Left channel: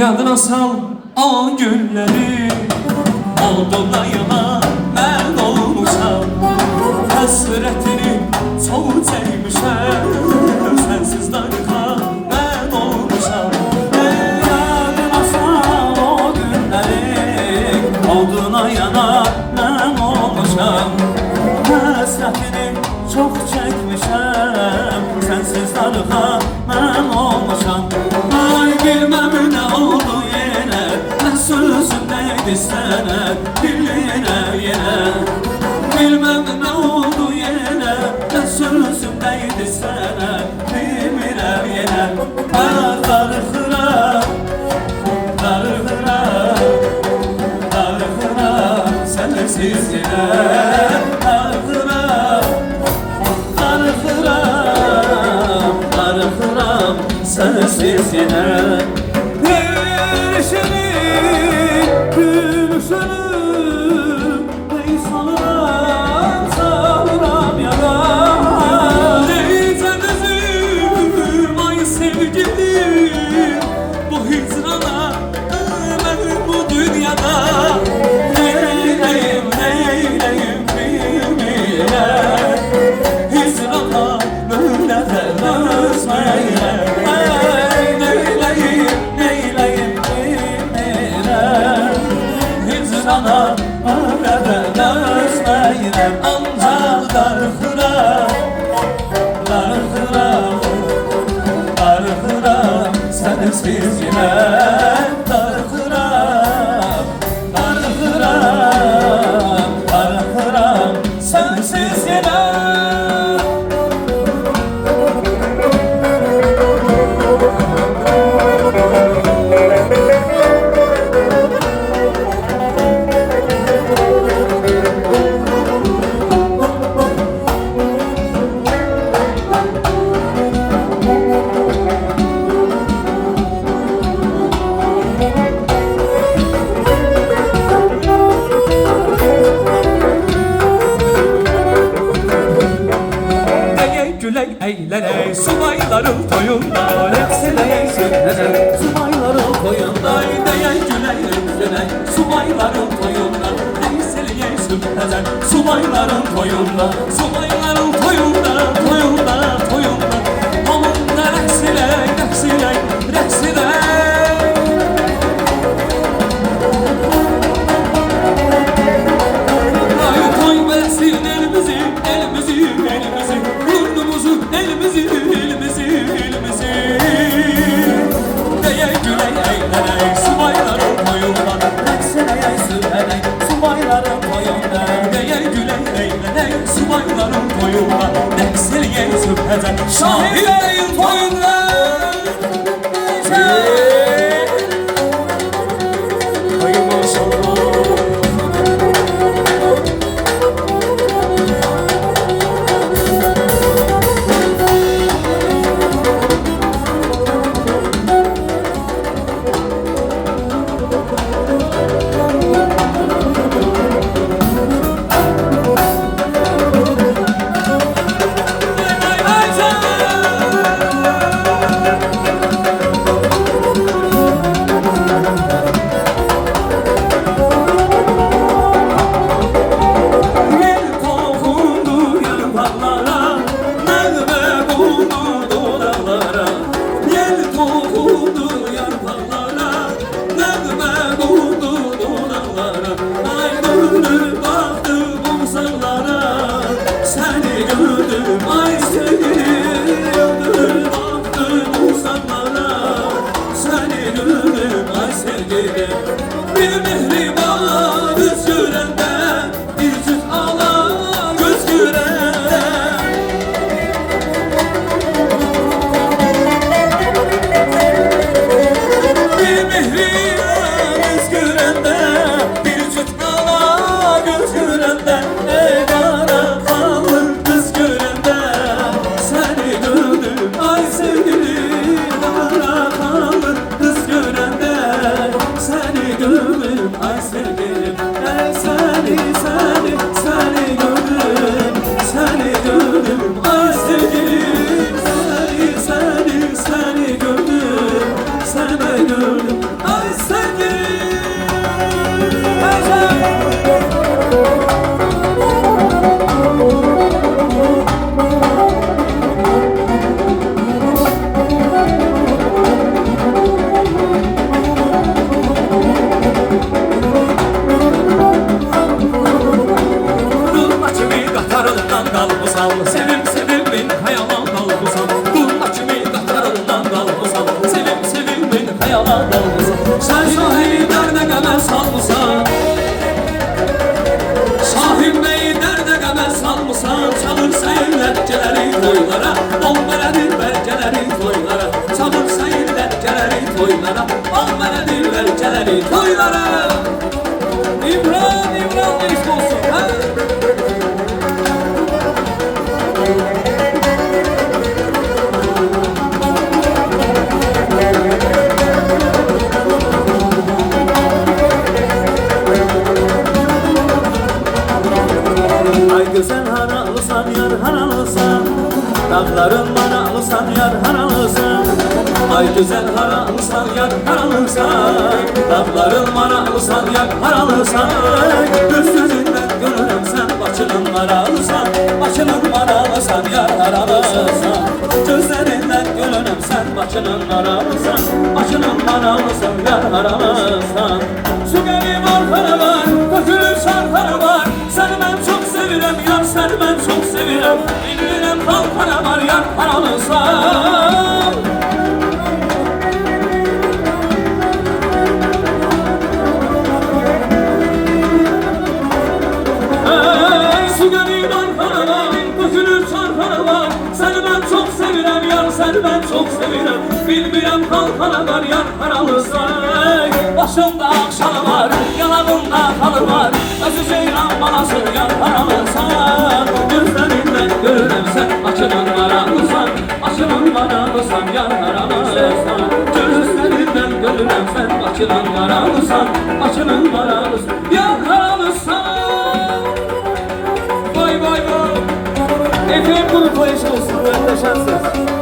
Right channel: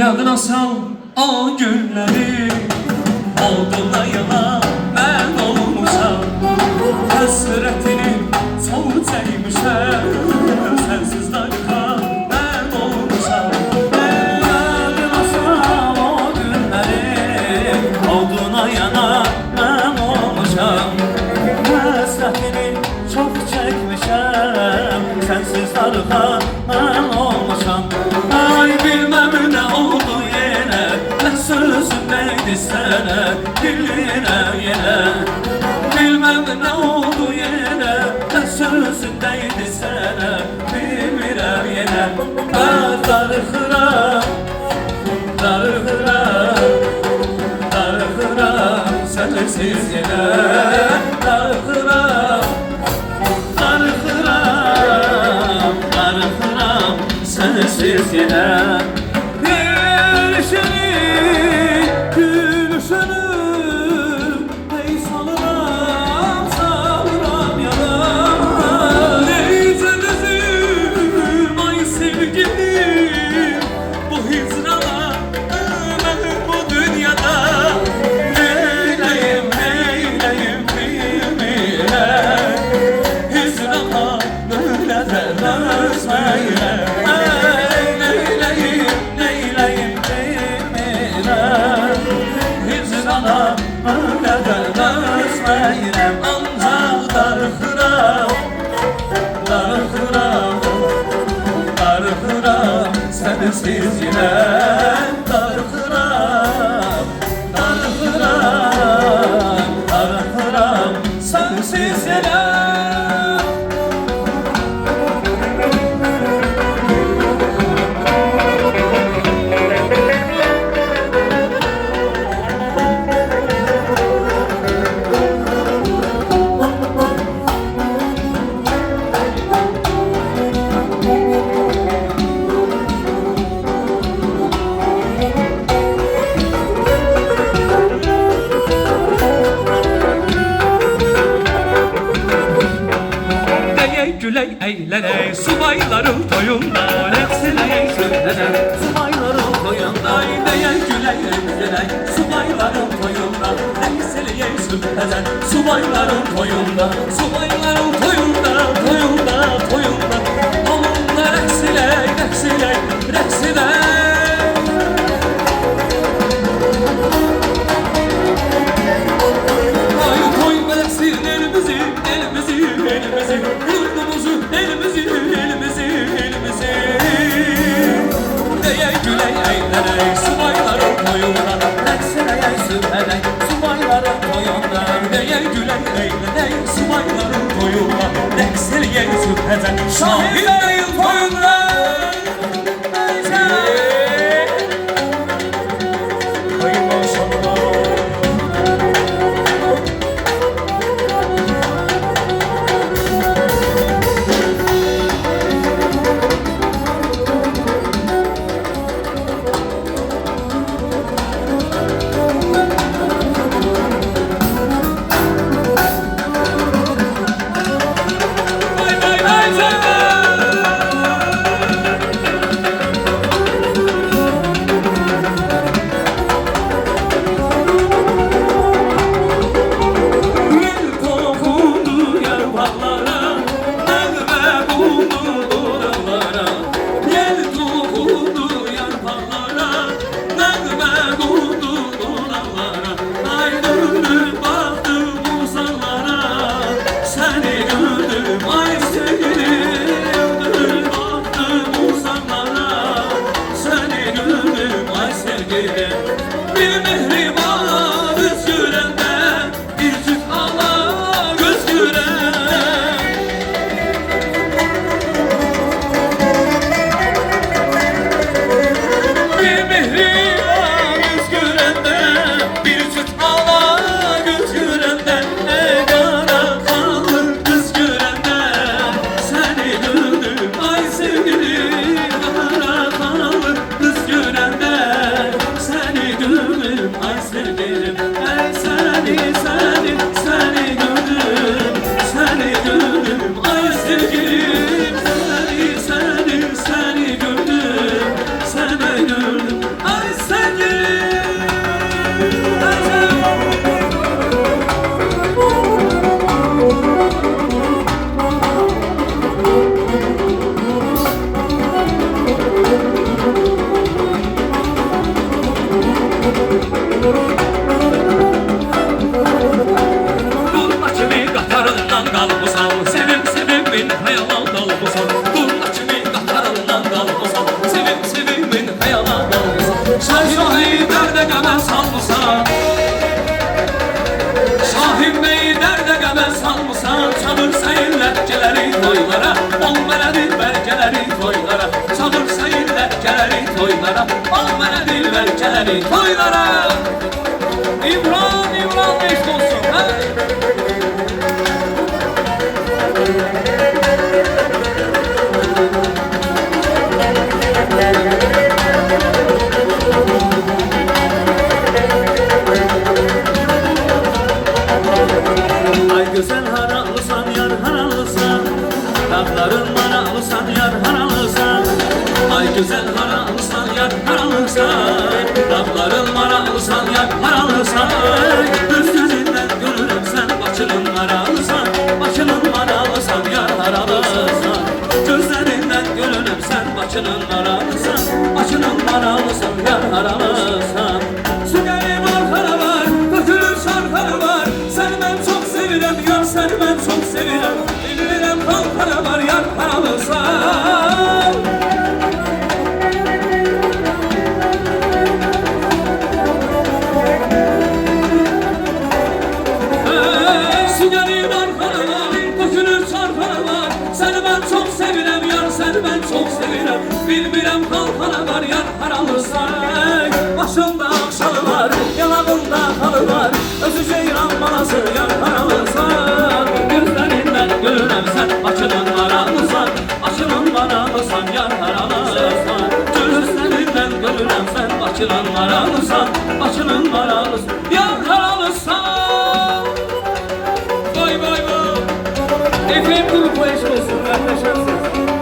Yadına sal o günleri, olduğuna yana ben olmuşam. Hasretini çok sevmişem, sensiz darıka ben olmuşam. Yadına sal o günleri, olduğuna yana ben olmuşam. Hasretini çok çekmişem, sensiz darıka ben olmuşam. Ay bilmem ne oldu yine, ne sözündeydi sana yine. Bilmem ne oldu yine, ne sözündeydi sana yine. Ah darıkıra, sensiz yine. Sensiz yine. Gülüşünü ey salıram yaram. Neyse gözüm ay sevgilim, bu hicrana ölüm bu dünyada. Neyleyim bilmeyem, hicrana böyle de özmeyem. Ancak darıkıram, sensiz yine. Darıkıram, sensiz yine. Güley eğleney subayların toyunda, hepsine sürleney subayların toyunda. Güley eğleney subayların toyunda, hepsine sürleney subayların toyunda. Subayların toyunda. Onunla reksiley. Ay koy versin elimizi, yurdumuzu, elimizi. Güley eğleney subayların toyunda, reksiley sürleney subayların toyunda. Güley eğleney subayların toyunda, reksiley sürleney şahilerin toyunda. Bir mihriban göz görende, bir cüt ala göz görende. Bir mihriban göz görende, bir cüt ala göz görende. Ne kara kalır kız görende, seni gördüm ay sevgilim. Kara kalır kız görende, seni gördüm ay Sen Şahin derde qəmə salmısan, Şahin Bey derde qəmə salmısan. Sabır sayırlar gələri toylara, ol mənə dilbər gələri toylara. Sabır sayırlar gələri toylara, ol mənə dilbər gələri toylara. İmran, İmran eşk olsun, ha? Güzel haralısan yar haralısan, dağların maralısan yar haralısan. Ay güzel haralısan yar haralısan, dağların maralısan yar haralısan. Düz gözünden görürüm sen başının maralısan, başının maralısan yar haralısan. Gözlerinden görürüm sen başının maralısan, başının maralısan yar haralısan. Su gelin arkana var, dökülür şarkana var. Sen ben çok sevirem yar, sen ben çok sevirem. Bilmirem kalkana var yar haralısan. Su gelin arkana var, dökülür şarkana var. Sen ben çok sevirem yar, sen ben çok sevirem. Bilmirem kalkana var yar haralısan. Başımda akşalı var, yanağımda halı var. Özü ceyran balası yar haralısan. Gözlerinden görürem sen açılan haralısan, açılan haralısan yar haralısan. Gözlerinden görürem sen açılan haralısan, açılan haralısan yar haralısan. Vay vay vay. Efendim bunu koyuşunuz, muhteşemsiniz.